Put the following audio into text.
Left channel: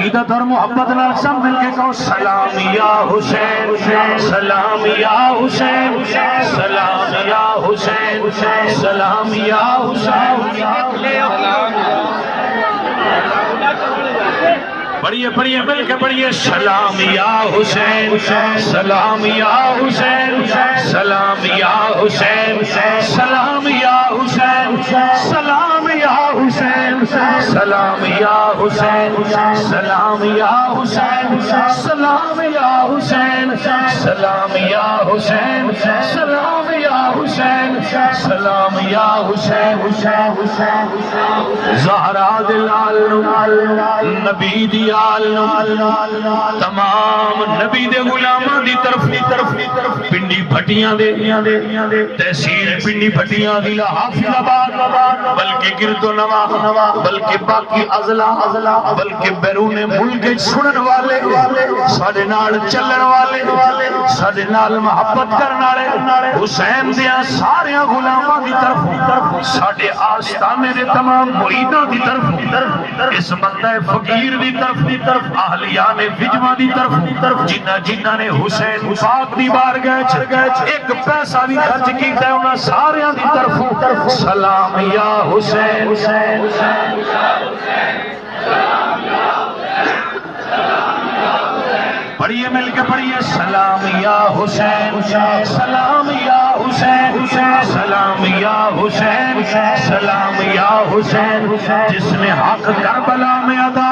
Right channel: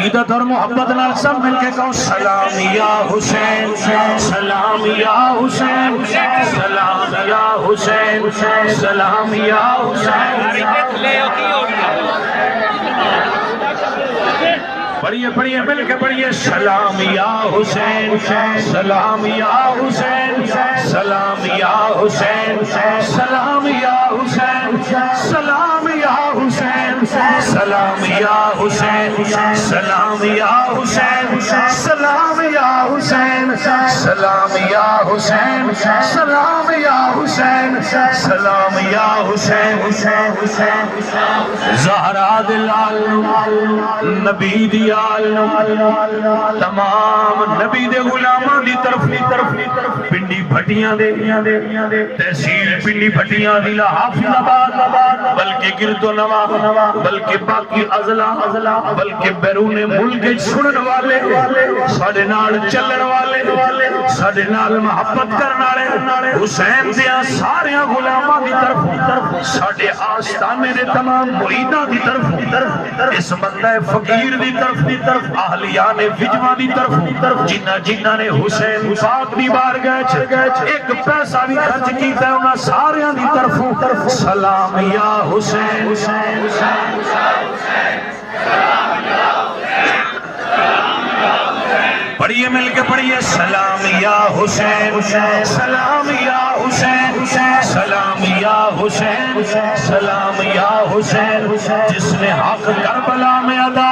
عقیدت اور محبت نال سب مل کے کہو سلام یا حسین، سلام یا حسین، سلام یا حسین، سلام یا حسین۔ پڑھیے پڑھیے مل کے پڑھیے سلام یا حسین، سلام یا حسین، سلام یا حسین، سلام یا حسین، سلام یا حسین، سلام یا حسین، سلام یا حسین، سلام یا حسین، سلام یا حسین، سلام یا حسین، سلام یا حسین۔ زہرا دلال نبی دیال تمام نبی دے غلاماں دی طرف پنڈی بھٹیاں دے تحصیل پنڈی بھٹیاں دی حافظ آباد بلکہ گرد و نواح بلکہ باقی اضلاع بلکہ بیرون ملک سنن والے ساڈے نال چلن والے ساڈے نال محبت کرن والے حسین دیاں سارے غلاماں دی طرف ساڈے آستانے دے تمام مریداں دی طرف اس بندہ فقیر دی طرف اہلیان وجوہ دی طرف جنہ نے حسین پاک دی بارگاہ ایک پیسہ بھی خرچ کیتا ہے انہاں سارے دی طرف سلام یا حسین، پڑھیے مل کے پڑھیے سلام یا حسین، سلام یا حسین، سلام یا حسین، سلام یا حسین، جس نے حق کربلا میں ادا